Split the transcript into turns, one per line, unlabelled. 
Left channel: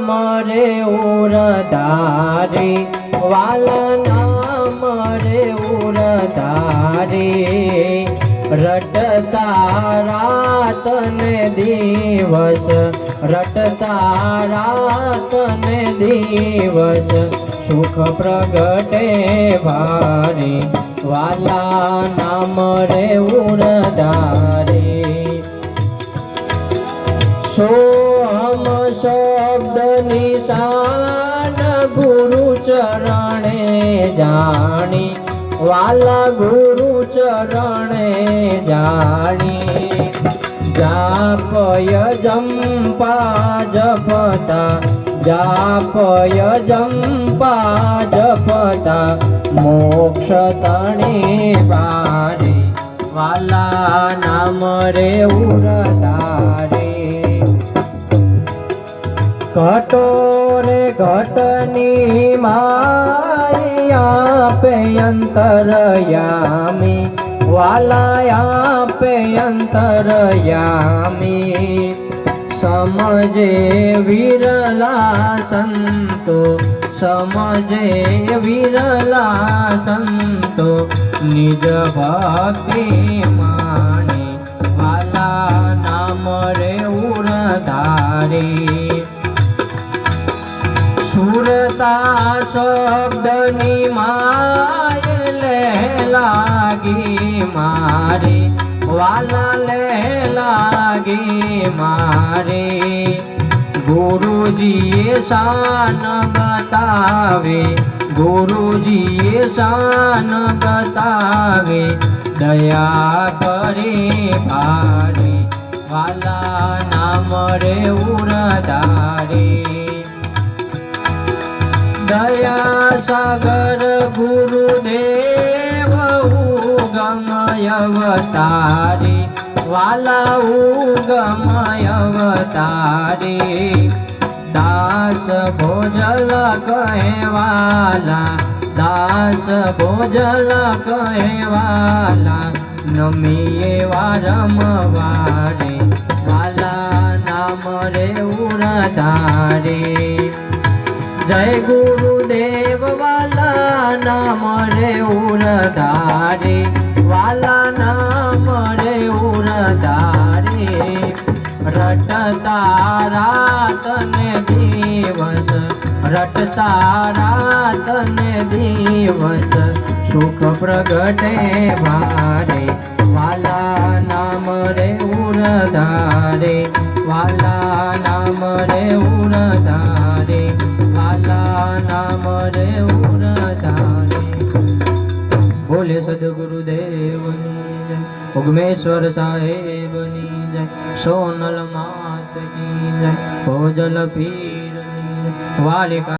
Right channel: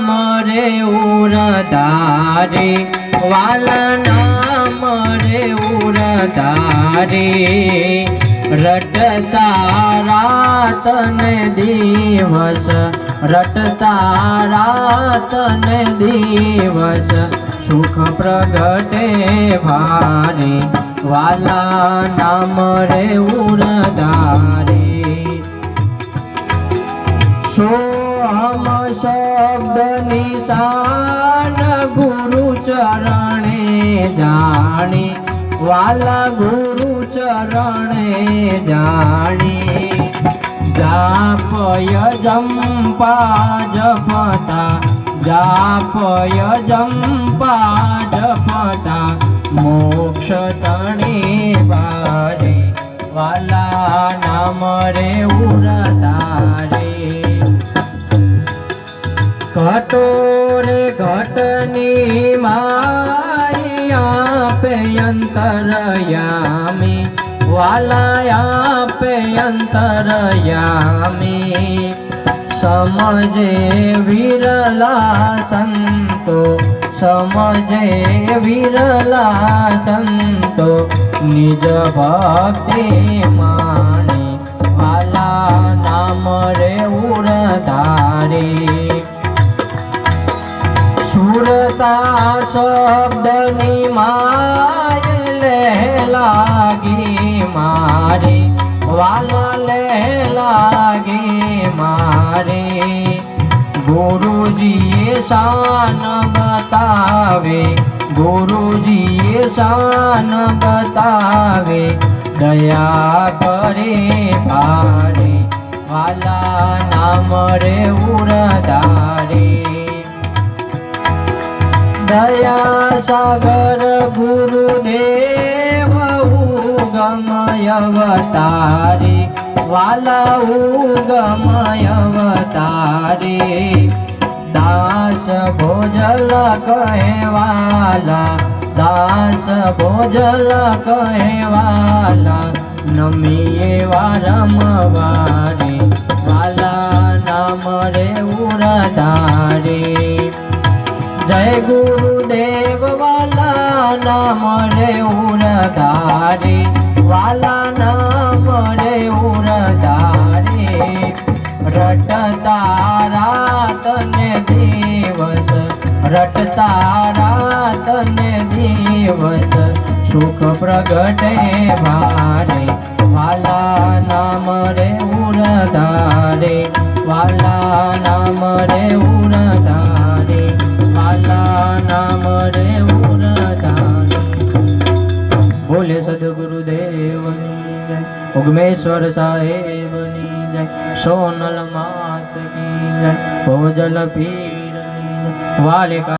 નામ રે ઉરધારે વાલા નામ રે ઉરધારે રટતા રાત ને દિવસ રટતા રાત ને દિવસ સુખ પ્રગટે ભારે વાલા નામ રે ઉરધારે નિશાન ગુરુ ચરણે જાણી, વાલા ગુરુ ચરણે જાણી. જાપય જંપા જપતા, જાપય જંપા જપતા, મોક્ષ તણે બારે. વાલા નામ રે ઉરતારે ઘટોરે ઘટની માયા પે અંતરયામી વાલાયા પે અંતરયામી. સમજે વિરલા સંતો, સમજે વિરલા સંતો, નિજ ભક્તિ સુરતા શબ્દની માય લે લાગી મારી. વાલા લે લાગી મારી. ગુરુજીએ શાન બતાવે. ગુરુજીએ શાન બતાવે. દયા કરે ભારે વાલા ના રે ઉરધારે દયા સાગર ગુરુદેવ ઉગમય અવતારે વાલા ઉગમય અવતારે દાસ ભોજલ કહેવાલા, દાસ ભોજલ કહેવાલા, નમીએ વારંવારે. વાલા નામ રે ઉરધારે. જય ગુરુદેવ રટતા રાત ને દિવસ રટતા રાત ને દિવસ. સુખ પ્રગટે મારે વાલા નામ રે ઉરધારે, વાલા નામ રે ઉરધારે, વાલા નામ રે ઉરધારે. બોલે સદગુરુદેવ, ઉગમેશ્વર સાહેબ. સોનલ માત કી જય ભોજલ પીરની વાલિકા